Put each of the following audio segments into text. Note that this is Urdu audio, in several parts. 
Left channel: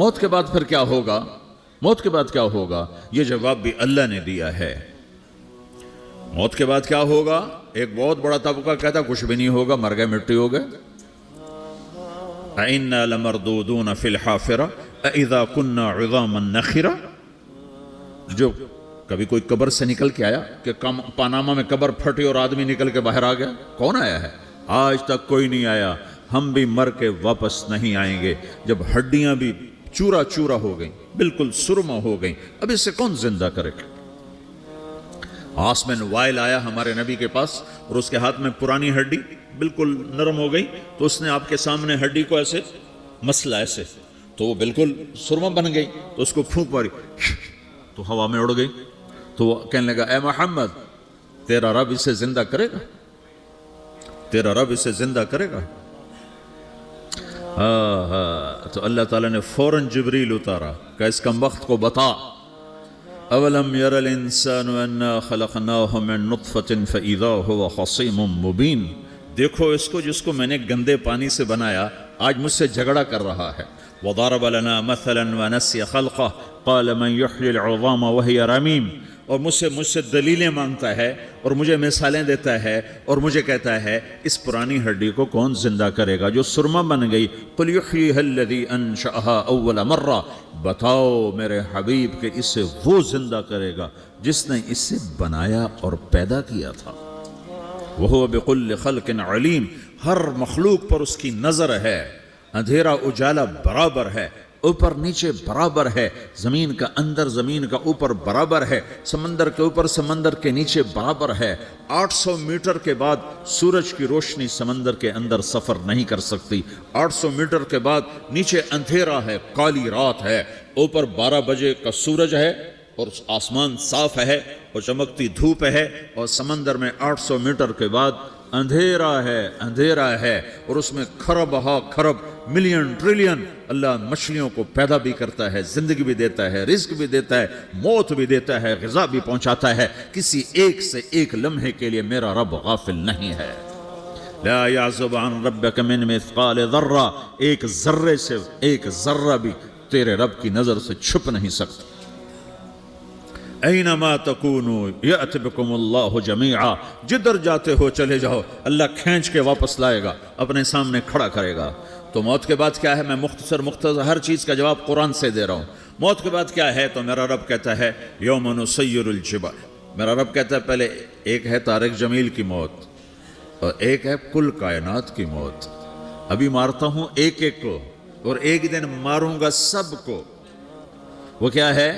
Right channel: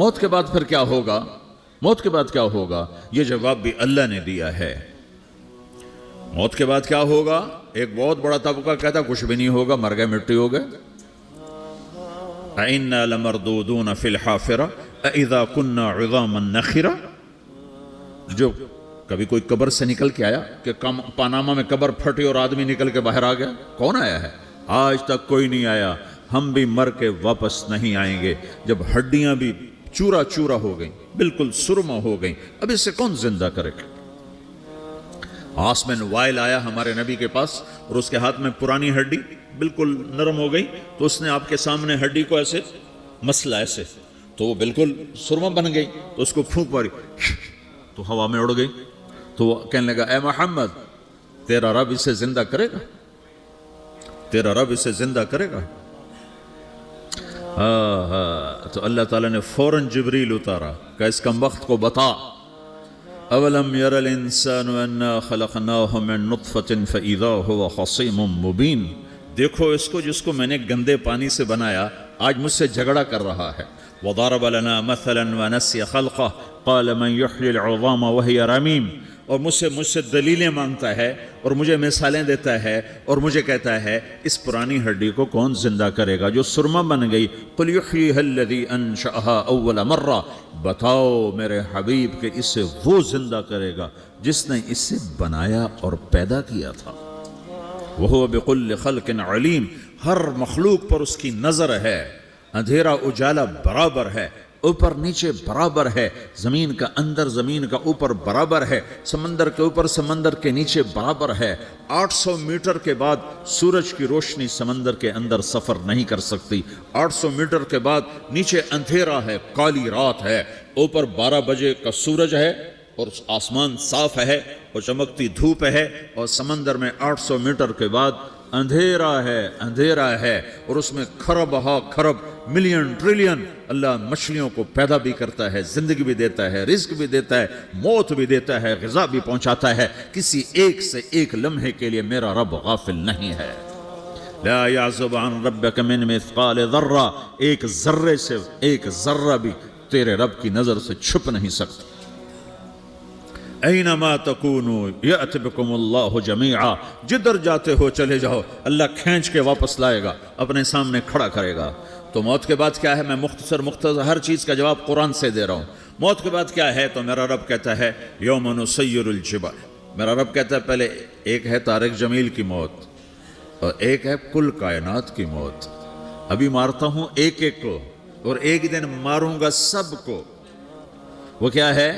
موت کے بعد پھر کیا ہوگا؟ موت کے بعد کیا ہوگا؟ یہ جواب بھی اللہ نے دیا ہے۔ موت کے بعد کیا ہوگا؟ ایک بہت بڑا طبقہ کہتا کچھ بھی نہیں ہوگا، مر گئے، مٹی ہو گئے۔ اَإِنَّا لَمَرْدُودُونَ فِي الْحَافِرَةِ اَإِذَا كُنَّا عِظَامًا نَخِرَةً، جو کبھی کوئی قبر سے نکل کے آیا کہ پاناما میں قبر پھٹی اور آدمی نکل کے باہر آ گیا؟ کون آیا ہے؟ آج تک کوئی نہیں آیا۔ ہم بھی مر کے واپس نہیں آئیں گے۔ جب ہڈیاں بھی چورا چورا ہو گئیں، بالکل سرما ہو گئیں، اب اس سے کون زندہ کرے گا؟ آسمین وائل آیا ہمارے نبی کے پاس اور اس کے ہاتھ میں پرانی ہڈی بالکل نرم ہو گئی، تو اس نے آپ کے سامنے ہڈی کو ایسے مسلا، ایسے، تو وہ بالکل سرما بن گئی، تو اس کو پھونک ماری تو ہوا میں اڑ گئی۔ تو وہ کہنے لگا اے محمد، تیرا رب اسے زندہ کرے گا؟ تیرا رب اسے زندہ کرے گا؟ تو اللہ تعالیٰ نے فوراً جبریل اتارا کہ اس کم وقت کو بتا، اولم یر الانسان انا خلقناہ من نطفۃ فاذا هو خصیم مبین، دیکھو اس کو جس کو میں نے گندے پانی سے بنایا، آج مجھ سے جھگڑا کر رہا ہے۔ وضرب لنا مثلا ونسی خلقہ قال من یحیی العظام وہی رمیم، اور مجھ سے دلیلیں مانگتا ہے اور مجھے مثالیں دیتا ہے اور مجھے کہتا ہے اس پرانی ہڈی کو کون زندہ کرے گا جو سرما بن گئی؟ قل یحییھا الذی انشأھا اول مرہ، بتاؤ میرے حبیب کہ اسے وہ زندہ کرے گا جس نے اسے بنایا اور پیدا کیا تھا۔ وہو بکل خلق علیم، ہر مخلوق پر اس کی نظر ہے، اندھیرا اجالا برابر ہے، اوپر نیچے برابر ہے، زمین کا اندر زمین کا اوپر برابر ہے، سمندر کے اوپر سمندر کے نیچے برابر ہے۔ 800 میٹر کے بعد سورج کی روشنی سمندر کے اندر سفر نہیں کر سکتی۔ 800 میٹر کے بعد نیچے اندھیرا ہے، کالی رات ہے، اوپر 12 بجے کا سورج ہے اور آسمان صاف ہے اور چمکتی دھوپ ہے، اور سمندر میں 800 میٹر کے بعد اندھیرا ہے اور اس میں کھرب ہا کھرب ملین ٹریلین اللہ مچھلیوں کو پیدا بھی کرتا ہے، زندگی بھی دیتا ہے، رزق بھی دیتا ہے، موت بھی دیتا ہے، غذا بھی پہنچاتا ہے۔ کسی ایک سے ایک لمحے کے لیے میرا رب غافل نہیں ہے۔ لا يعزب عن ربك من مثقال ذرہ، ایک ذرے سے ایک ذرہ بھی تیرے رب کی نظر سے چھپ نہیں سکتا۔ اینما تکونوا یأت بکم اللہ جمیعا، جدھر جاتے ہو چلے جاؤ، اللہ کھینچ کے واپس لائے گا، اپنے سامنے کھڑا کرے گا۔ تو موت کے بعد کیا ہے؟ میں مختصر ہر چیز کا جواب قرآن سے دے رہا ہوں۔ موت کے بعد کیا ہے؟ تو میرا رب کہتا ہے یوم نسیر الجبال، میرا رب کہتا ہے پہلے ایک ہے طارق جمیل کی موت اور ایک ہے کل کائنات کی موت۔ ابھی مارتا ہوں ایک ایک کو اور ایک دن ماروں گا سب کو۔ وہ کیا ہے؟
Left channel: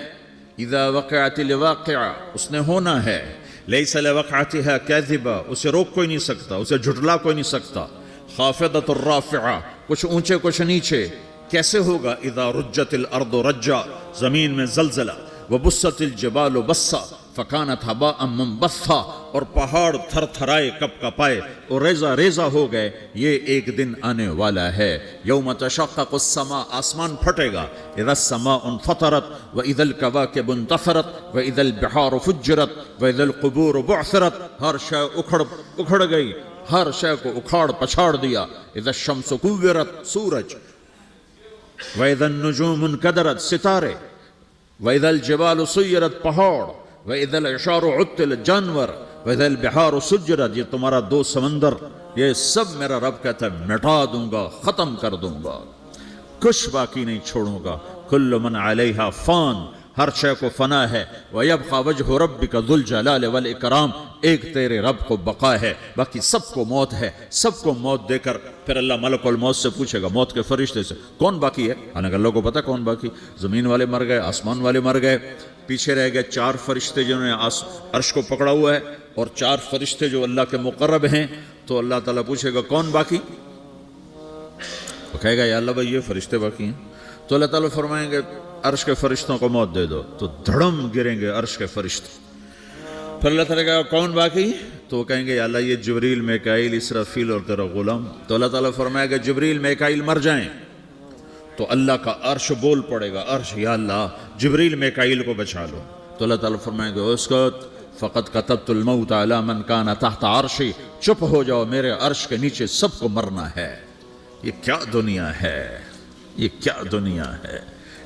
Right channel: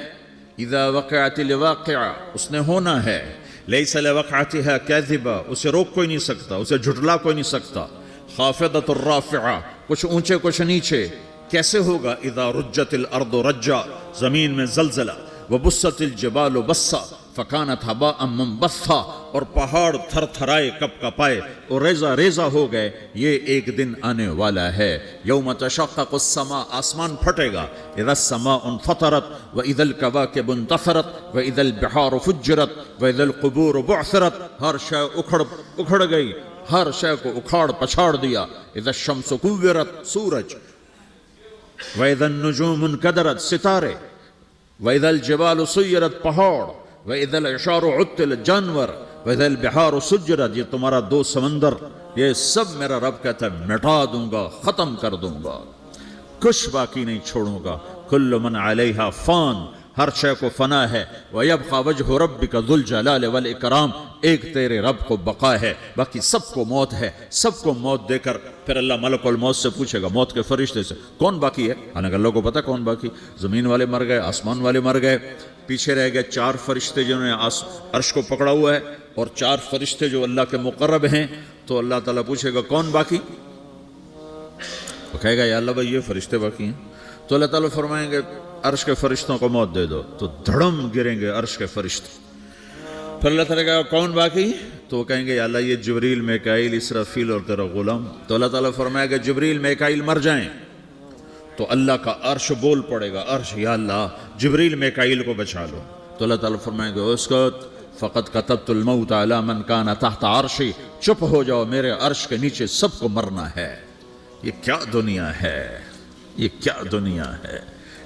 اذا وقعت الواقعہ، اس نے ہونا ہے، لیس لوقعتها کاذبہ، اسے روک کوئی نہیں سکتا، اسے جھٹلا کوئی نہیں سکتا۔ خافضۃ الرافعہ، کچھ اونچے کچھ نیچے۔ کیسے ہوگا؟ اذا رجت الارض رجا، زمین میں زلزلہ، وبست الجبال بسا فکانت ہباء منبثا، اور پہاڑ تھر تھرائے کپ کپائے اور ریزہ ریزہ ہو گئے۔ یہ ایک دن آنے والا ہے، یوم تشقق السماء، آسمان پھٹے گا، اذا السماء انفطرت واذا الکواکب انتثرت واذا البحار فجرت واذا القبور بعثرت، ہر شے اکھڑ گئی، ہر شے کو اکھاڑ پچھاڑ دیا۔ اذا الشمس کورت، سورج، واذا النجوم انکدرت، ستارے، واذا الجبال سیرت، پہاڑ، وَإِذَا الْعِشَارُ عُطِّلَتْ، جانور، وَإِذَا الْبِحَارُ سُجِّرَتْ، یہ تمہارا دو سمندر، یہ سب میرا رب کہتا ہے مٹا دوں گا، ختم کر دوں گا، کچھ باقی نہیں چھوڑوں گا۔ كُلُّ مَنْ عَلَيْهَا فان، ہر شے کو فنا ہے۔ وَيَبْقَى وَجْهُ رَبِّكَ ذُو الْجَلَالِ وَالْإِكْرَامِ، ایک تیرے رب کو بقا ہے، باقی سب کو موت ہے۔ سب کو موت دے کر پھر اللہ ملک الموت سے پوچھے گا، موت کے فرشتے سے، کون باقی ہے؟ اگر لوگوں کو پتا کون باقی؟ زمین والے مر گئے، آسمان والے مر گئے، پیچھے رہ گئے 4 فرشتے جو ہیں عرش کو پکڑا ہوا ہے، اور 4 فرشتے جو اللہ کے مقرب ہیں۔ تو اللہ تعالیٰ پوچھے گا کون باقی؟ وہ کہے گا یا اللہ بھائی یہ فرشتے باقی ہیں۔ تو اللہ تعالیٰ فرمائیں گے عرش کے فرشتوں کو موت دے دو، تو دھڑم گریں گے عرش کے فرشتے۔ پھر اللہ تعالیٰ کہے گا کون باقی؟ تو وہ کہیں گے یا اللہ یہ جبریل، میکائیل، اسرافیل اور تیرا غلام۔ تو اللہ تعالیٰ فرمائے گا جبریل، میکائیل مر جائیں، تو اللہ کا عرش بول پڑے گا، عرش یا اللہ جبریل میکائیل کو بچا لو۔ تو اللہ تعالیٰ فرمائیں گے اسکت فقط کتبت الموت علی من کان تحت عرشی، چپ ہو جاؤ، میرے عرش کے نیچے سب کو مرنا ہے۔ یہ کیا دنیا ہے، یہ کیا دنیا ہے۔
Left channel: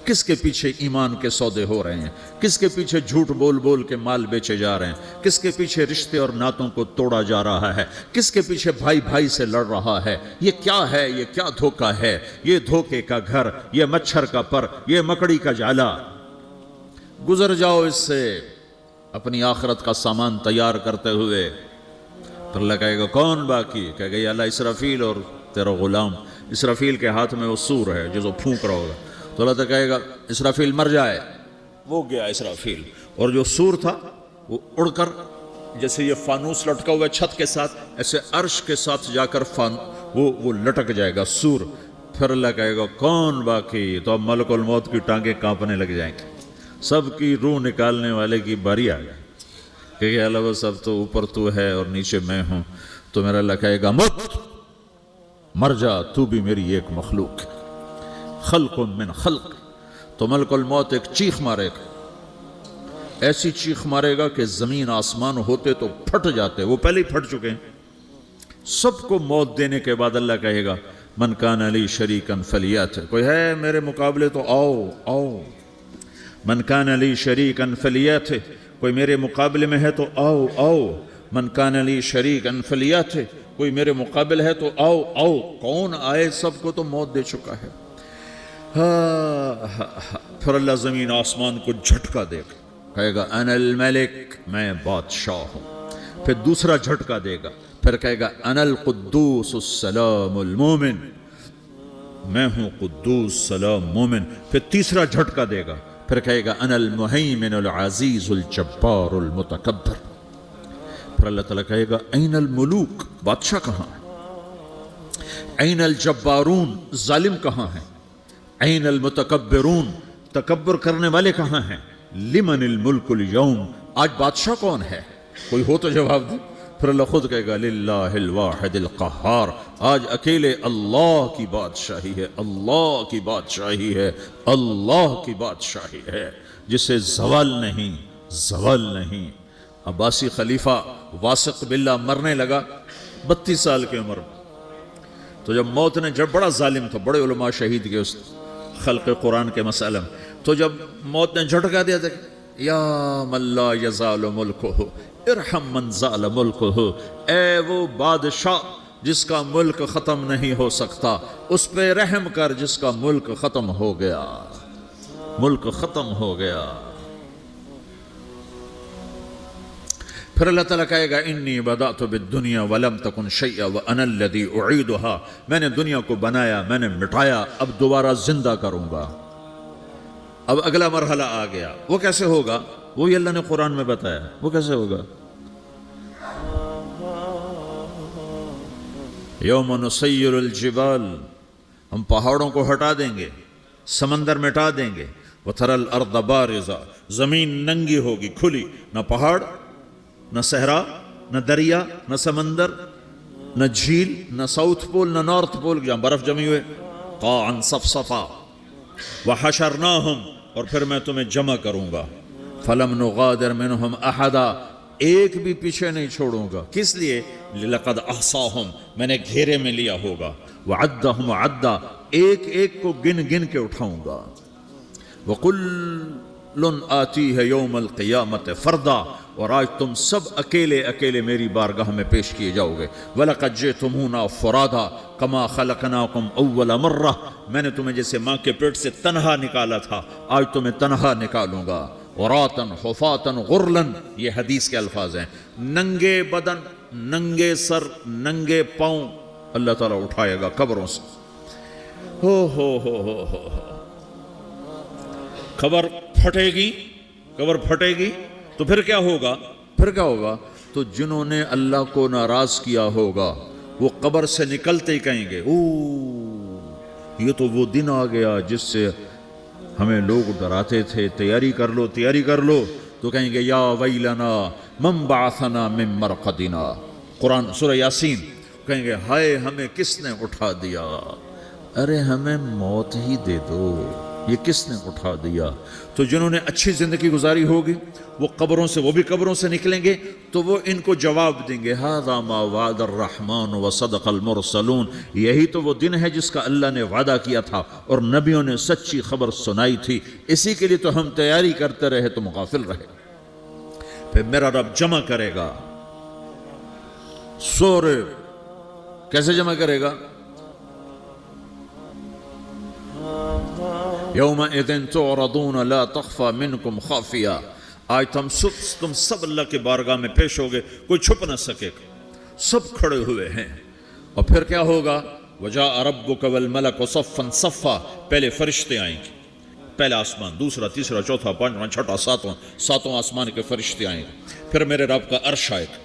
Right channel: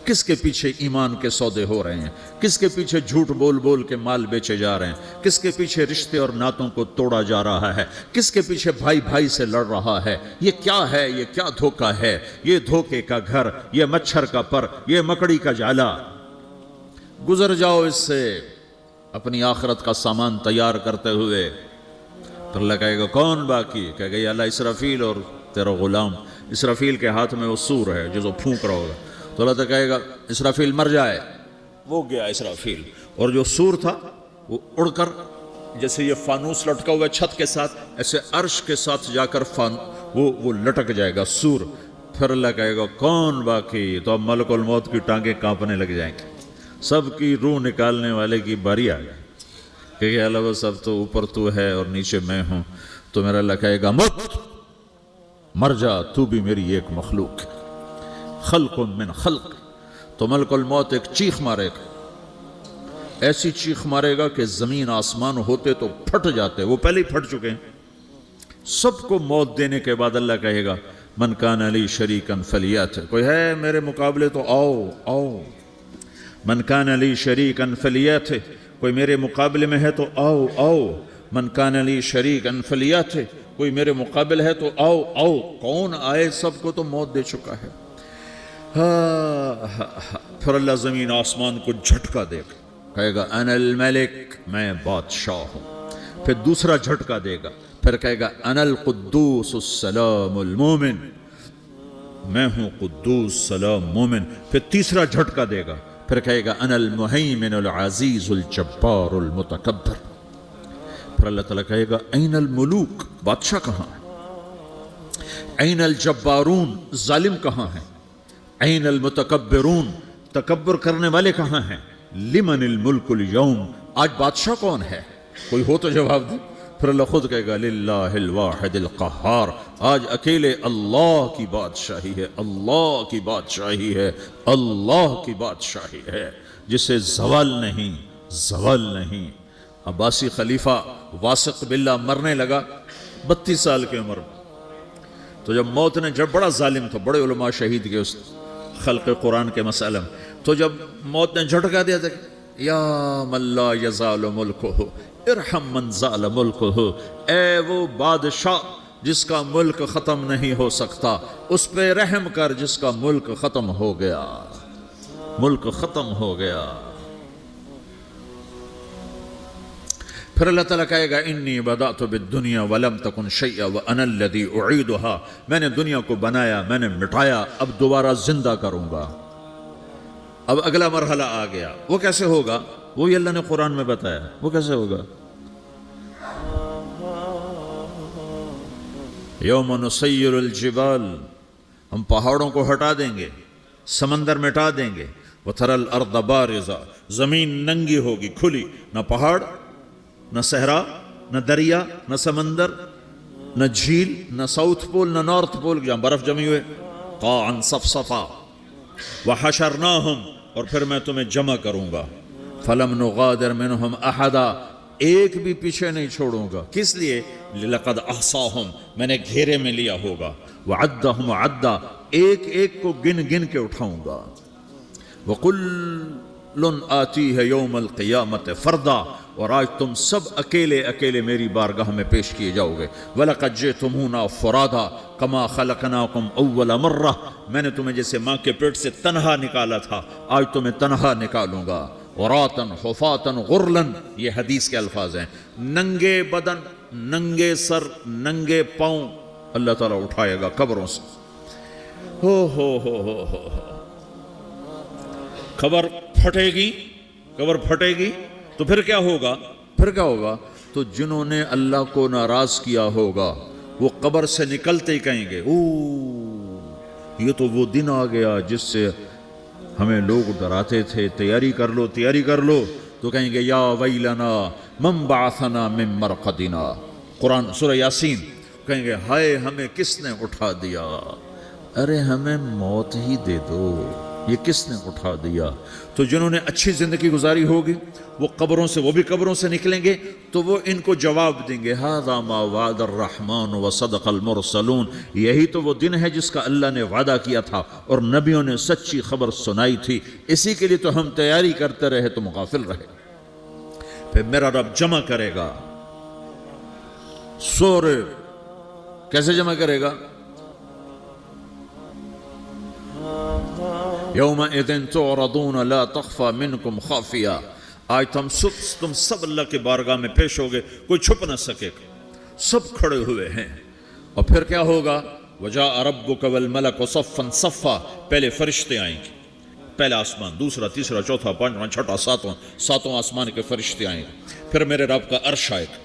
کس کے پیچھے ایمان کے سودے ہو رہے ہیں، کس کے پیچھے جھوٹ بول بول کے مال بیچے جا رہے ہیں، کس کے پیچھے رشتے اور ناتوں کو توڑا جا رہا ہے، کس کے پیچھے بھائی بھائی سے لڑ رہا ہے، یہ کیا ہے، یہ کیا دھوکہ ہے، یہ دھوکے کا گھر، یہ مچھر کا پر، یہ مکڑی کا جالا۔ گزر جاؤ اس سے اپنی آخرت کا سامان تیار کرتے ہوئے۔ تو اللہ کہے گا کون باقی؟ کہے گا یا اللہ اسرافیل اور تیرا غلام۔ اسرافیل کے ہاتھ میں وہ سور ہے جو پھونک رہا ہوگا، تو اللہ تعالیٰ کہے گا اسرافیل مر جائے، وہ گیا اسرافیل، اور جو سور تھا وہ اڑ کر جیسے یہ فانوس لٹکا ہوا ہے چھت کے ساتھ، ایسے عرش کے ساتھ جا کر وہ لٹک جائے گا سور۔ پھر اللہ کہے گا کون باقی؟ تو اب ملک الموت کی ٹانگیں کانپنے لگ جائیں گے، سب کی روح نکالنے والے کی باری آ جائے، کیونکہ اللہ وہ سب تو اوپر تو ہے اور نیچے میں ہوں۔ تو میرا اللہ کہے گا مت مر جا، تو بھی میری ایک مخلوق، خلق من خلق۔ تو ملک الموت ایک چیخ مارے گا، ایسی چیخ مارے گا کہ زمین آسمان ہوتے تو پھٹ جاتے، وہ پہلے ہی پھٹ چکے ہیں۔ سب کو موت دینے کے بعد اللہ کہے گا من کان لی شریکا فلیات، کوئی ہے میرے مقابلے تو آؤ آؤ۔ من کان لی شریکا فلیات، کوئی میرے مقابلے میں ہے تو آؤ آؤ۔ من کان لی شریکا فلیات، کوئی میرے مقابل ہے تو آؤ آؤ۔ کون آئے؟ سب کو تو موت دے چکا ہے۔ پھر اللہ زمین آسمان کو جھٹکا دے گا، کہے گا انا الملک، میں بادشاہ ہوں۔ پھر دوسرا جھٹکا دے گا، پھر کہے گا انا القدوس السلام المومن، میں ہوں قدوس سلام مومن۔ پھر تیسرا جھٹکا دے گا، پھر کہے گا انا المہیمن العزیز الجبار المتکبر۔ پھر اللہ تعالیٰ کہے گا این الملوک، بادشاہ کہاں ہے؟ این الجبارون، ظالم کہاں ہیں؟ این المتکبرون، تکبر کرنے والے کہاں ہیں؟ لمن الملک اليوم، آج بادشاہ کون ہے؟ کوئی ہو تو جواب دے۔ پھر اللہ خود کہے گا للہ الواحد القہار، آج اکیلے اللہ کی بادشاہی ہے، اللہ کی بادشاہی ہے، اللہ کی بادشاہی ہے، جسے زوال نہیں، زوال نہیں۔ عباسی خلیفہ واسق باللہ مرنے لگا 32 سال کی عمر میں، تو جب موت نے، جب بڑا ظالم تھا، بڑے علماء شہید کے اس خلق قرآن کے مسئلہ میں، تو جب موت نے جھٹکا دیا تھا یا من لا یزال ملکہ ارحم من زال ملکہ، اے وہ بادشاہ جس کا ملک ختم نہیں ہو سکتا، اس پہ رحم کر جس کا ملک ختم ہو گیا، ملک ختم ہو گیا۔ پھر اللہ تعالیٰ کہے گا انی بدأت بالدنیا ولم تکن شیئا وانا الذی اعیدھا، میں نے دنیا کو بنایا، میں نے مٹایا، اب دوبارہ زندہ کروں گا۔ اب اگلا مرحلہ آ گیا، وہ کیسے ہوگا؟ وہی اللہ نے قرآن میں بتایا، وہ کیسے ہوگا؟ یوم نسیر الجبال، ہم پہاڑوں کو ہٹا دیں گے، سمندر مٹا دیں گے، وتری الارض بارزہ، زمین ننگی ہوگی، کھلی، نہ پہاڑ، نہ صحرا، نہ دریا، نہ سمندر، نہ جھیل، نہ ساؤتھ پول، نہ نارتھ پول جہاں برف جمی ہوئے، قاعا صفصفا، وحشرناہم، اور پھر میں تمہیں جمع کروں گا، فلم نغادر منہم احدا، ایک بھی پیچھے نہیں چھوڑوں گا، کس لیے؟ لقد احصاہم، میں نے گھیرے میں لیا ہوگا، وعدہم عدا، ایک ایک کو گن گن کے اٹھاؤں گا، وکل آتیہ یوم القیامت فردا، اور آج تم سب اکیلے اکیلے میری بارگاہ میں پیش کیے جاؤ گے، وَلَقَدْ جِئْتُمُونَا فُرَادَىٰ كَمَا خَلَقْنَاكُمْ أَوَّلَ مَرَّةٍ، میں نے تمہیں جیسے ماں کے پیٹ سے تنہا نکالا تھا، آج تمہیں تنہا نکالوں گا، عُرَاةً حُفَاةً غُرْلًا، یہ حدیث کے الفاظ ہیں، ننگے بدن، ننگے سر، ننگے پاؤں اللہ تعالیٰ اٹھائے گا قبروں سے۔ ہو خبر پھٹے گی، خبر پھٹے گی تو پھر کیا ہوگا؟ پھر کیا ہوگا؟ تو جنہوں نے اللہ کو ناراض کیا ہوگا وہ قبر سے نکلتے ہی کہیں گے یہ تو وہ دن آ گیا جس سے ہمیں لوگ ڈراتے تھے، تیاری کر لو تیاری کر لو، تو کہیں گے یا ویلنا من بعثنا من مرقدنا، قرآن سورہ یاسین، کہیں گے ہائے ہمیں کس نے اٹھا دیا، ارے ہمیں موت ہی دے دو، یہ کس نے اٹھا دیا؟ تو جنہوں نے اچھی زندگی گزاری ہوگی وہ قبروں سے، وہ بھی قبروں سے نکلیں گے تو وہ ان کو جواب دیں گے، ھذا ما وعد الرحمن وصدق المرسلون، یہی تو وہ دن ہے جس کا اللہ نے وعدہ کیا تھا اور نبیوں نے سچی خبر سنائی تھی، اسی کے لیے تو ہم تیاری کرتے رہے، تم غافل رہے۔ پھر میرا رب جمع کرے گا سورے، کیسے جمع کرے گا؟ یومئذ تعرضون لا تخفى منکم خافیہ، آج تم سب اللہ کے بارگاہ میں پیش ہوگے، کوئی چھپ نہ سکے گا، سب کھڑے ہوئے ہیں۔ اور پھر کیا ہوگا؟ وجاء ربک والملک صفا صفا، پہلے فرشتے آئیں گے، پہلا آسمان، دوسرا، تیسرا، چوتھا، پانچواں، چھٹا، ساتواں آسمان کے فرشتے آئیں گے، پھر میرے رب کا عرش آئے گا،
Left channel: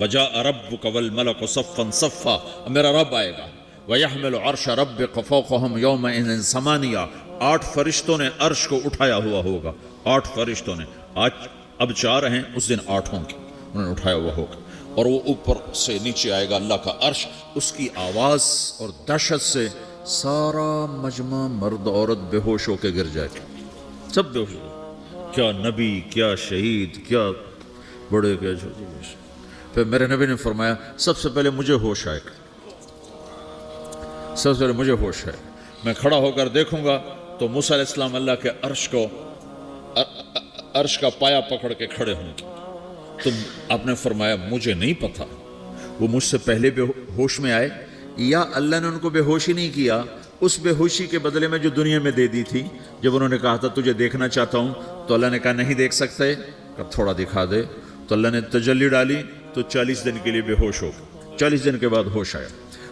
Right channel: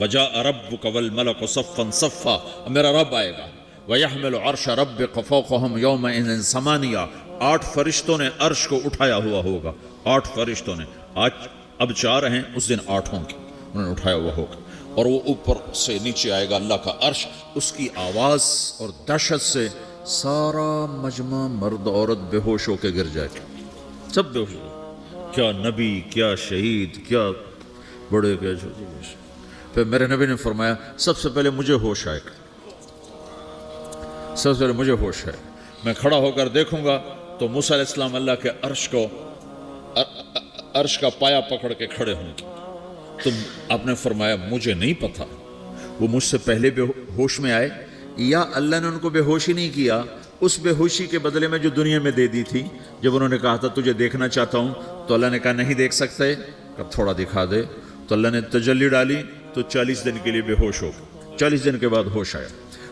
وجاء ربک والملک صفا صفا، میرا رب آئے گا، وَيَحْمِلُ عَرْشَ رَبِّكَ فَوْقَهُمْ يَوْمَئِذٍ ثَمَانِيَةٌ، 8 فرشتوں نے عرش کو اٹھایا ہوا ہوگا، 8 فرشتوں نے، آج اب 4 ہیں، اس دن 8 ہوں گے، انہوں نے اٹھایا ہوا ہوگا، اور وہ اوپر سے نیچے آئے گا اللہ کا عرش، اس کی آواز اور دہشت سے سارا مجمع مرد عورت بے ہوش ہو کے گر جائے گا، سب بے ہوش ہو، کیا نبی، کیا شہید، کیا بڑے، کیا چھوٹے۔ پھر میرے نبی نے فرمایا سب سے پہلے مجھے ہوش آئے گا، سب سے پہلے مجھے ہوش ہے، میں کھڑا ہو کر دیکھوں گا تو موسیٰ علیہ السلام اللہ کے عرش کا پایا پکڑ کے کھڑے ہوں گے۔ تو آپ نے فرمایا مجھے نہیں پتا وہ مجھ سے پہلے بے ہوش میں آئے یا اللہ نے ان کو بے ہوش ہی نہیں کیا، اس بے ہوشی کے بدلے میں جو دنیا میں دے دی تھی، جب انہوں نے کہا تھا تجھے دیکھنا چاہتا ہوں تو اللہ نے کہا نہیں دیکھ سکتے، کہ تھوڑا دکھا دے، تو اللہ نے تجلی ڈالی تو 40 دن کے لیے بے ہوش ہو گئے، 40 دن کے بعد ہوش آیا۔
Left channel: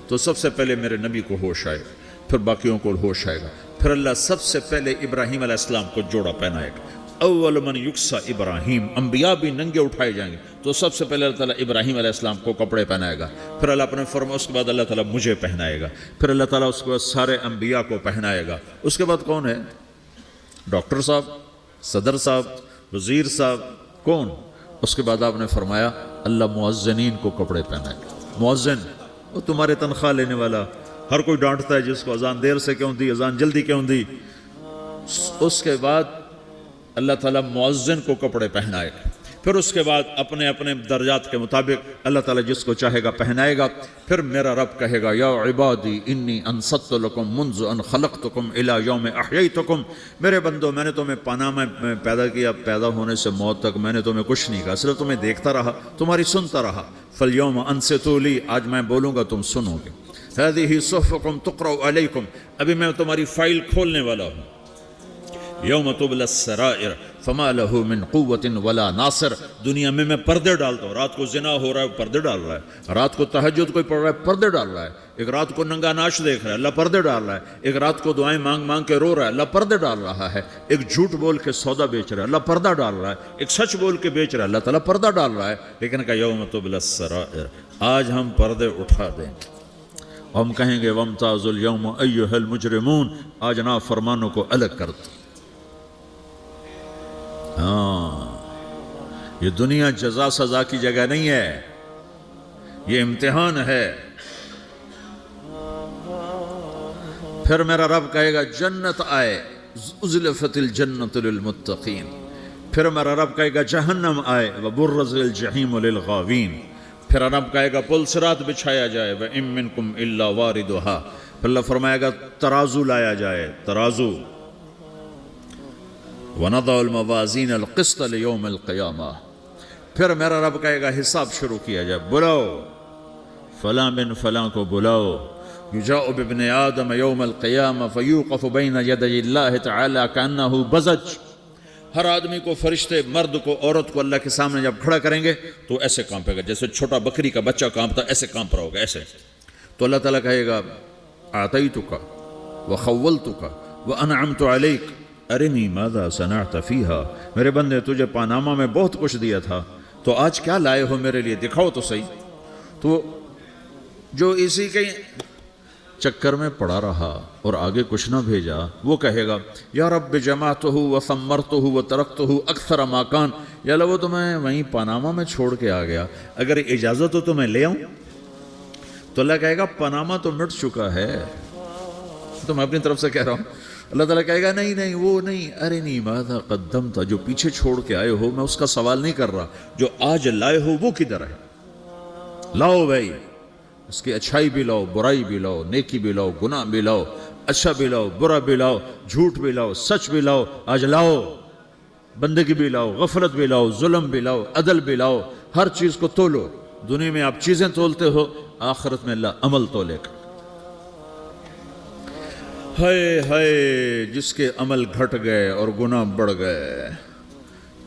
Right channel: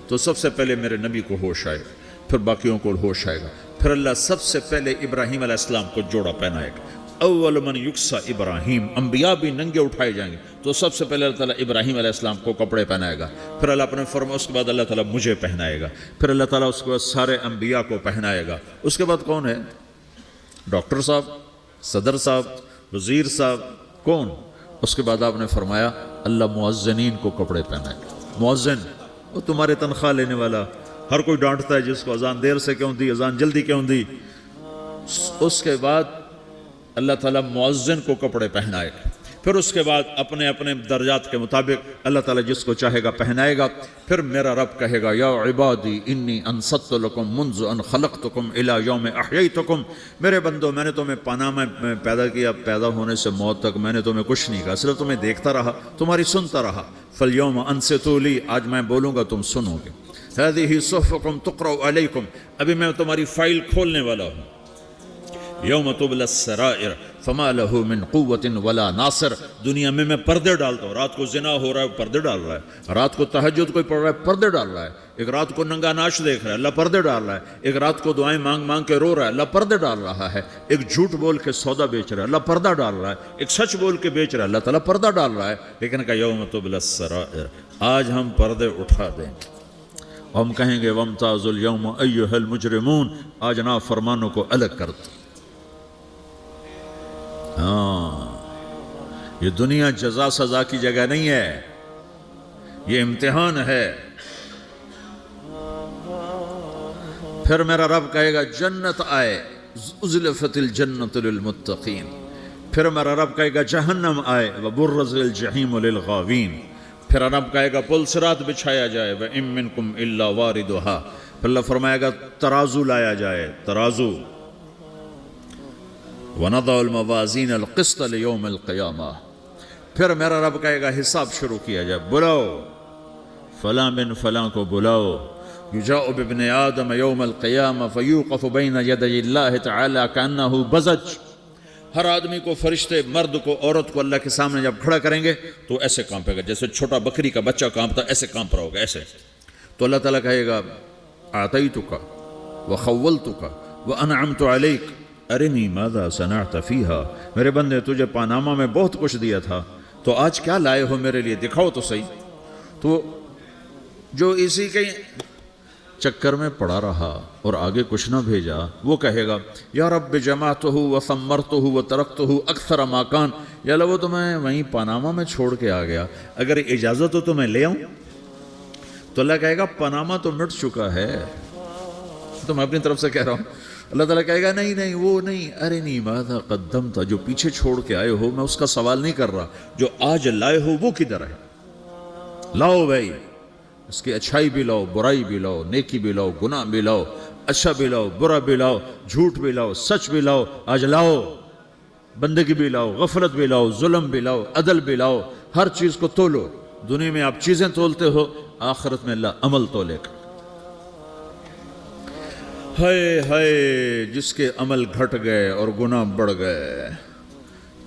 تو سب سے پہلے میرے نبی کو ہوش آئے گا، پھر باقیوں کو ہوش آئے گا، پھر اللہ سب سے پہلے ابراہیم علیہ السلام کو جوڑا پہنائے گا، اول من یکسا ابراہیم، انبیاء بھی ننگے اٹھائے جائیں گے، تو سب سے پہلے اللہ تعالیٰ ابراہیم علیہ السلام کو کپڑے پہنائے گا، پھر اللہ اپنے فرما، اس کے بعد اللہ تعالیٰ مجھے پہنائے گا، پھر اللہ تعالیٰ اس کے بعد سارے انبیاء کو پہنائے گا، اس کے بعد کون ہے؟ ڈاکٹر صاحب، صدر صاحب، وزیر صاحب، کون؟ اس کے بعد آپ نے فرمایا اللہ مؤذنین کو کپڑے پہنائے گا، مؤذن وہ تمہارے تنخواہ لینے والا، ہر کوئی ڈانٹتا ہے جس کو اذان دیر سے کیوں دی، اذان جلدی کیوں دی، اس کے بعد اللہ تعالیٰ مؤذن کو کپڑے پہنائے گا، پھر اس کے بعد اپنے اپنے درجات کے مطابق اللہ تعالیٰ جس کو چاہے گا پہنائے گا، پھر میرا رب کہے گا یا عبادی انی انصت لکم منذ ان خلقتکم الی یوم احییتکم، میرے بندو میں نے تمہیں پناہ میں پیدا کیا، پیدا ہونے سے موت تک میں نے تمہیں کچھ نہیں کہا، صرف تمہیں دیکھتا رہا، تمہاری سنتا رہا، فالیوم انصتوا لی، آج میں بولوں گا تم سنو گے، ہذہ صحفکم تقرأ علیکم، ابھی میں تمہاری فائل کھولنے والا ہوں، یوم تبلی السرائر فما لہ من قوت ولا ناصر، دنیا میں پردے ڈالتا ہوں، رات کو زنا ہو رہا ہے پردے ڈال رہا ہے، رات کو تہجد کوئی پڑھ رہا ہے پردے ڈال رہا ہے، ایک رات کو ننگا ناچ دیکھ رہا ہے اللہ پردے ڈال رہا ہے، ایک رات کو دعائیں مانگ مانگ کے رو رہا ہے اللہ پردے ڈال رہا ہے، ایک جھوٹ بول کے سودا بیچ رہا ہے اللہ پردہ ڈال رہا ہے، ایک سچ بول کے بیچ رہا ہے اللہ تعالیٰ پردہ ڈال رہا ہے، لیکن کہ یوم تبلی السرائر، آج ہم پردے اٹھا دیں گے، ہم کہیں گے وامتازوا اليوم ایھا المجرمون، آج نافرمانوں کو الگ کر دو۔ ہاں، یہ دنیا جزا سزا کی جگہ نہیں ہے، یہ امتحان ہے۔ پھر میرا رب کہے گا جہنم آئے، وبرزت الجحیم للغاوین، پھر رب کہے گا پل صراط بچھایا جائے گا، ان منکم الا واردها، پھر میرا رب کہے گا حساب شروع کیا جائے، بلاؤ فلاں بن فلاں کو بلاؤ، یجاء بابن آدم یوم القیامہ فیوقف بین یدی اللہ تعالی کانہ بزج، ہر آدمی کو، فرشتے، مرد کو، عورت کو اللہ کے سامنے جب کھڑا کریں گے تو ایسے کانپے گا جیسے چھوٹا بکری کا بچہ کانپتا، ایسے کانپ رہا ہوگا، ایسے، تو اللہ تعالیٰ کہے گا اعطیتک وخولتک وانعمت علیک ارنی ماذا صنعت فیہا، میرے بندے تجھے پاناما میں بہت کچھ دیا تھا تو آج کیا لائے ہو میرے لیے، دکھاؤ تو صحیح، تو جو اسی کے چکر میں پڑا رہا اور آگے کچھ نہ بھیجا وہ کہے گا یا رب جمعتہ وثمرتہ وترکتہ اکثر ما کان، یا اللہ وہ تو میں وہیں پاناما میں چھوڑ کے آ گیا، اگر اجازت ہو تو میں لے آؤں، تو اللہ کہے گا پاناما تو مٹ چکا ہے، تو میں اپنی طرف سے کہہ رہا ہوں اللہ تعالیٰ کہے گا نہیں نہیں وہ نہیں، ارے نہیں ماذا قدمت، جو پیچھے چھوڑ کے آئے ہو میں اس کا سوال نہیں کر رہا، جو آج لائے ہو وہ کدھر ہے؟ لاؤ بھائی، اس کی اچھائی بھی لاؤ، برائی بھی لاؤ، نیکی بھی لاؤ، گناہ بھی لاؤ، اچھا بھی لاؤ، برا بھی لاؤ، جھوٹ بھی لاؤ، سچ بھی لاؤ، آج لاؤ، بندگی بھی لاؤ، غفلت بھی لاؤ، ظلم بھی لاؤ، عدل بھی لاؤ، ہر چیز کو تولو۔ دنیا میں آپ چیزیں تولتے ہو، آخرت میں اللہ عمل تولے گا۔ ہائے ہائے، جس کے عمل گھٹ گئے اور گناہ بڑھ گئے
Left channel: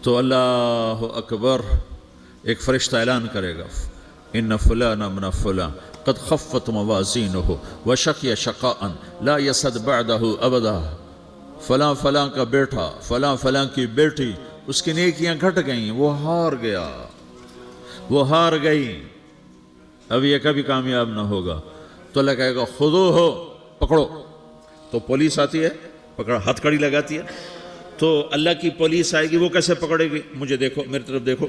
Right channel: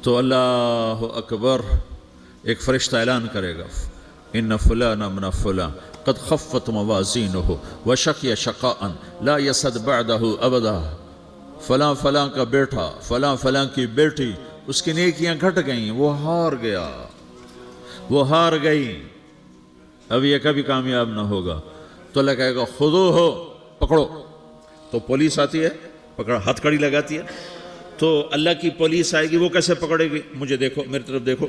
تو اللہ اکبر، ایک فرشتہ اعلان کرے گا ان فلان من فلان قد خفت موازینہ وشقی شقاء لا یسد بعدہ ابدا، فلاں فلاں کا بیٹا، فلاں فلاں کی بیٹی، اس کی نیکیاں گھٹ گئیں، وہ ہار گیا، وہ ہار گئی، اب یہ کبھی کامیاب نہ ہوگا۔ تو اللہ کہے گا خذوہ، پکڑو۔ تو پولیس آتی ہے، پکڑ ہتھ کڑی لگاتی ہے، تو اللہ کی پولیس آئے گی، وہ کیسے پکڑے گی؟ مجھے دیکھو، میری طرف دیکھو،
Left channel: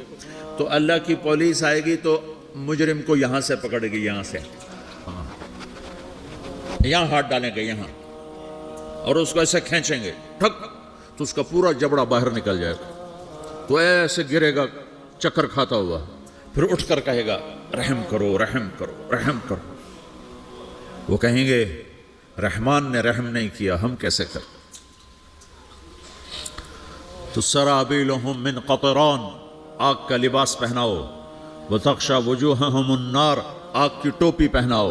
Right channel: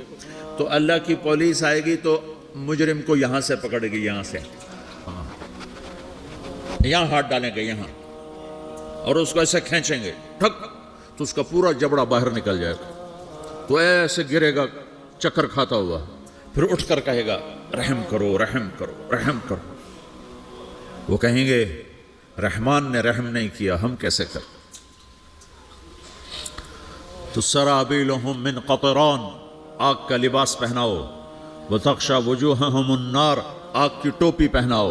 تو اللہ کی پولیس آئے گی تو مجرم کو یہاں سے پکڑے گی، یہاں سے، یہاں ہاتھ ڈالیں گے یہاں، اور اس کو ایسے کھینچیں گے ٹھک، تو اس کا پورا جبڑا باہر نکل جائے گا، تو ایسے گرے گا چکر کھاتا ہوا، پھر اٹھ کر کہے گا رحم کرو، رحم کرو، رحم کرو۔ وہ کہیں گے رحمان نے رحم نہیں کیا، ہم کیسے کریں؟ تو سرابیلہم من قطران، آگ کا لباس پہناؤ، وتغشی وجوہہم النار، آگ کی ٹوپی پہناؤ۔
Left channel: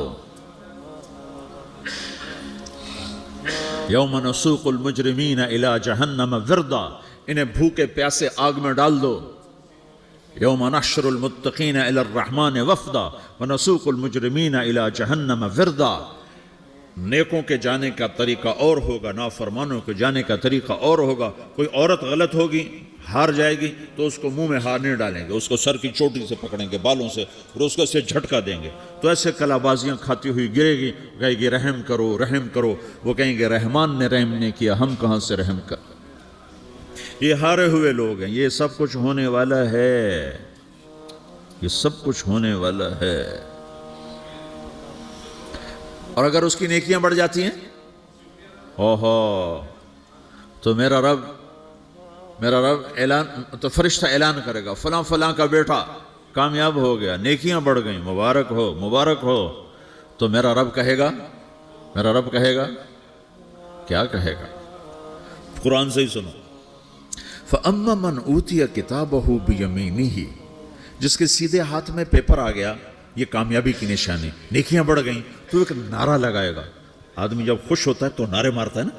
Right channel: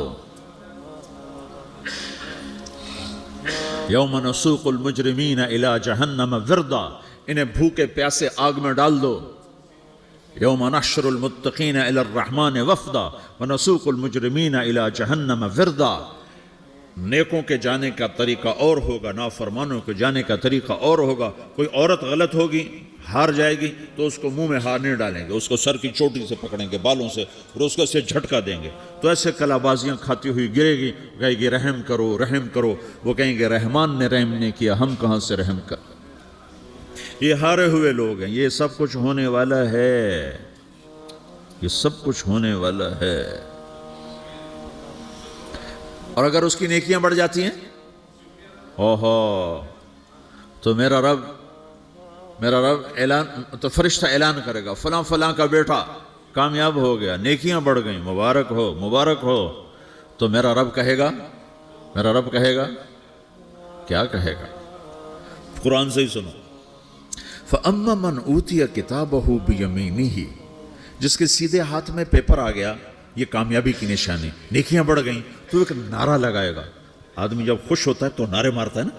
یوم نسوق المجرمین الی جہنم وردا، انہیں بھوکے پیاسے آگ میں ڈال دو۔ یوم نحشر المتقین الی الرحمن وفدا ونسوق المجرمین الی جہنم وردا، نیکوں کے جانے کا طریقہ اور ہوگا، نافرمانوں کے جانے کا طریقہ اور ہوگا۔ کوئی عورت غلط ہوگی، ہار جائے گی تو اس کو منہ میں ہار نہیں ڈالیں گے، اس کو سر کی چوٹی سے پکڑیں گے، بالوں سے، اور اس کو سے جھٹکا دیں گے، تو ایسے کلا بازیاں کھاتی ہوئی گرے گی، کہے گی رحم کرو، رحم کرو۔ وہ کہیں گے رحمان نے رحم نہیں کیا، ہم کہاں سے رحم کر۔ یہ ہارے ہوئے لوگ ہیں، یہ سب کچھ ہونے والا ہے، یہ سب کچھ ہونے والا ہے۔ اور اگر اس کی نیکیاں بڑھ جاتی ہیں، اوہو، تو میرا رب اعلان، تو فرشتہ اعلان کرے گا فلاں فلاں کا بیٹا کامیاب ہو گیا، نیکیاں بڑھ گئیں، مبارک ہو، مبارک ہو۔ تو میرا رب کہے گا کیا کہے گا؟ قرآن سے ہی سنو۔ فَأَمَّا مَنْ أُوتِيَ كِتَابَهُ بِيَمِينِهِ، جس کے سیدھے ہاتھ میں پیپر آ گیا، یہ کامیابی کی نشانی، نیکیاں بڑھ گئیں، تو ایک نعرہ لگائے گا۔ آدمی جب خوش ہوتا ہے تو نعرے مارتا ہے نا،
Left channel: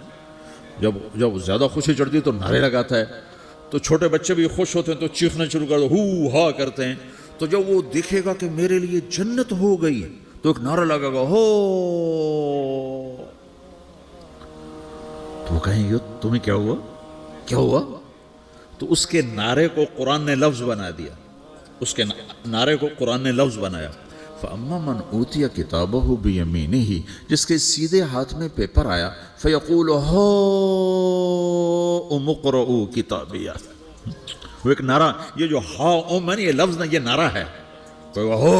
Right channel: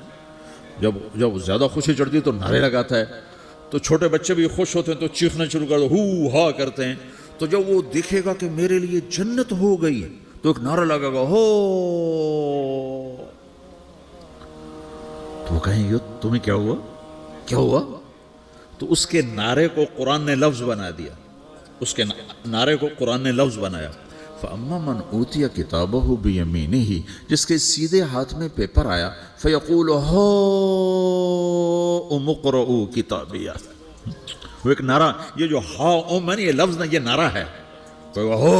جب زیادہ خوشی چڑھتی ہے تو نعرے لگاتا ہے۔ تو چھوٹے بچے بھی خوش ہوتے ہیں تو چیخنا شروع کر دو، ہو ہا کرتے ہیں۔ تو جب وہ دیکھے گا کہ میرے لیے جنت ہو گئی تو ایک نعرہ لگے گا، ہو، تو وہ کہیں گے تمہیں کیا ہوا، کیا ہوا؟ تو اس کے نعرے کو قرآن نے لفظ بنا دیا، اس کے نعرے کو قرآن نے لفظ بنا دیا۔ فَأَمَّا مَنْ أُوتِيَ كِتَابَهُ بِيَمِينِهِ، جس کے سیدھے ہاتھ میں پیپر آیا، فَيَقُولُ هَاؤْمُ اقْرَءُوا کتابیہ، وہ ایک نعرہ، یہ جو ہا او من یہ لفظ ہے، یہ نعرہ ہے، تو ہو،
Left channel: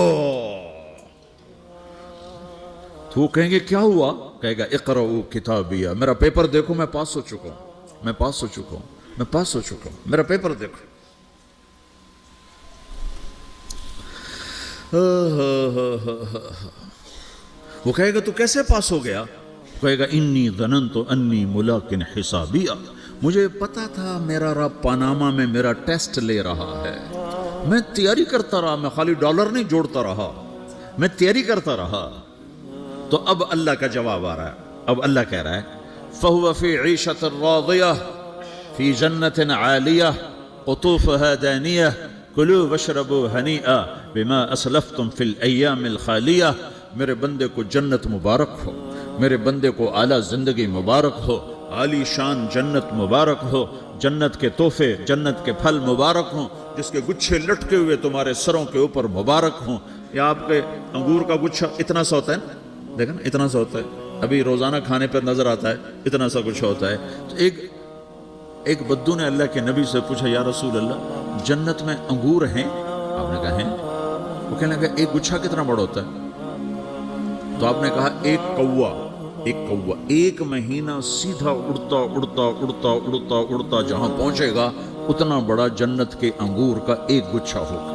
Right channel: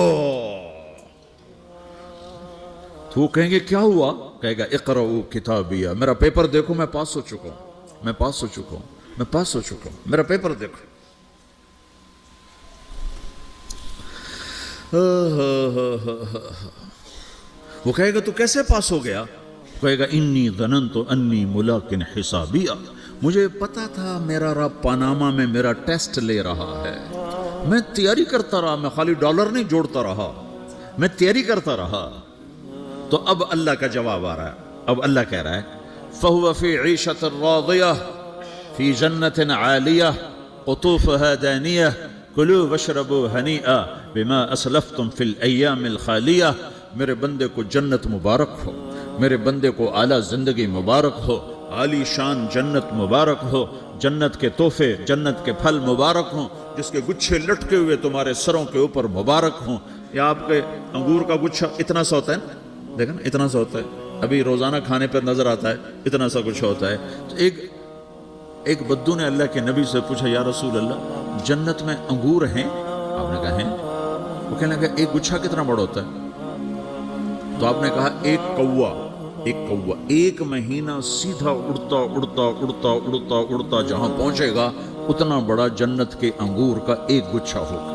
تو وہ کہیں گے کیا ہوا؟ کہے گا اقرؤوا کتابیہ، میرا پیپر دیکھو، میں پاس ہو چکا ہوں، میں پاس ہو چکا ہوں، میں پاس ہو چکا ہوں، میرا پیپر دیکھو۔ وہ کہے گا تو کیسے پاس ہو گیا؟ کہے گا انی ظننت انی ملاق حسابیہ، مجھے پتا تھا میرا رب پاناما میں میرا ٹیسٹ لے رہا ہے، میں تیاری کرتا رہا، میں خالی ڈالر نہیں جوڑتا رہا، میں تیاری کرتا رہا۔ تو اب اللہ کا جواب آ رہا ہے، اب اللہ کہہ رہا ہے فَهُوَ فِي عِيشَةٍ رَاضِيَةٍ فِي جَنَّةٍ عَالِيَةٍ قُطُوفُهَا دَانِيَةٌ کلوا واشربوا ہنیئا بما اسلفتم فی الایام الخالیہ۔ میرے بندے کو جنت مبارک ہو، میرے بندے کو اعلیٰ زندگی مبارک ہو، عالی شان جنت مبارک ہو، جنت کے تحفے، جنت کے پھل مبارک ہوں، جس کے گچھے لٹکے ہوئے تمہارے سروں کے اوپر مبارک ہوں۔ یا آپ کے انگور کا گچھا اتنا سا ہوتا ہے نا، دیکھیں نا اتنا سا ہوتا ہے، ابھی روزانہ کھانے پر نظر آتا ہے، اتنا سا کچھ ہوتا ہے۔ تو ایک بدو نے اللہ کے نبی سے پوچھا یا رسول اللہ جنت میں انگور ہیں؟ آپ نے کہا ہیں۔ وہ کہنے لگا ایک گچھا کتنا بڑا ہوتا ہے؟ تو آپ نے کہا ایک کوا ایک کوا ایک مہینہ سیدھا اڑتا اڑتا اڑتا اڑتا اڑتا جہاں پہنچے گا اتنا بڑا جنت کے انگور کا ایک گچھا ہوگا.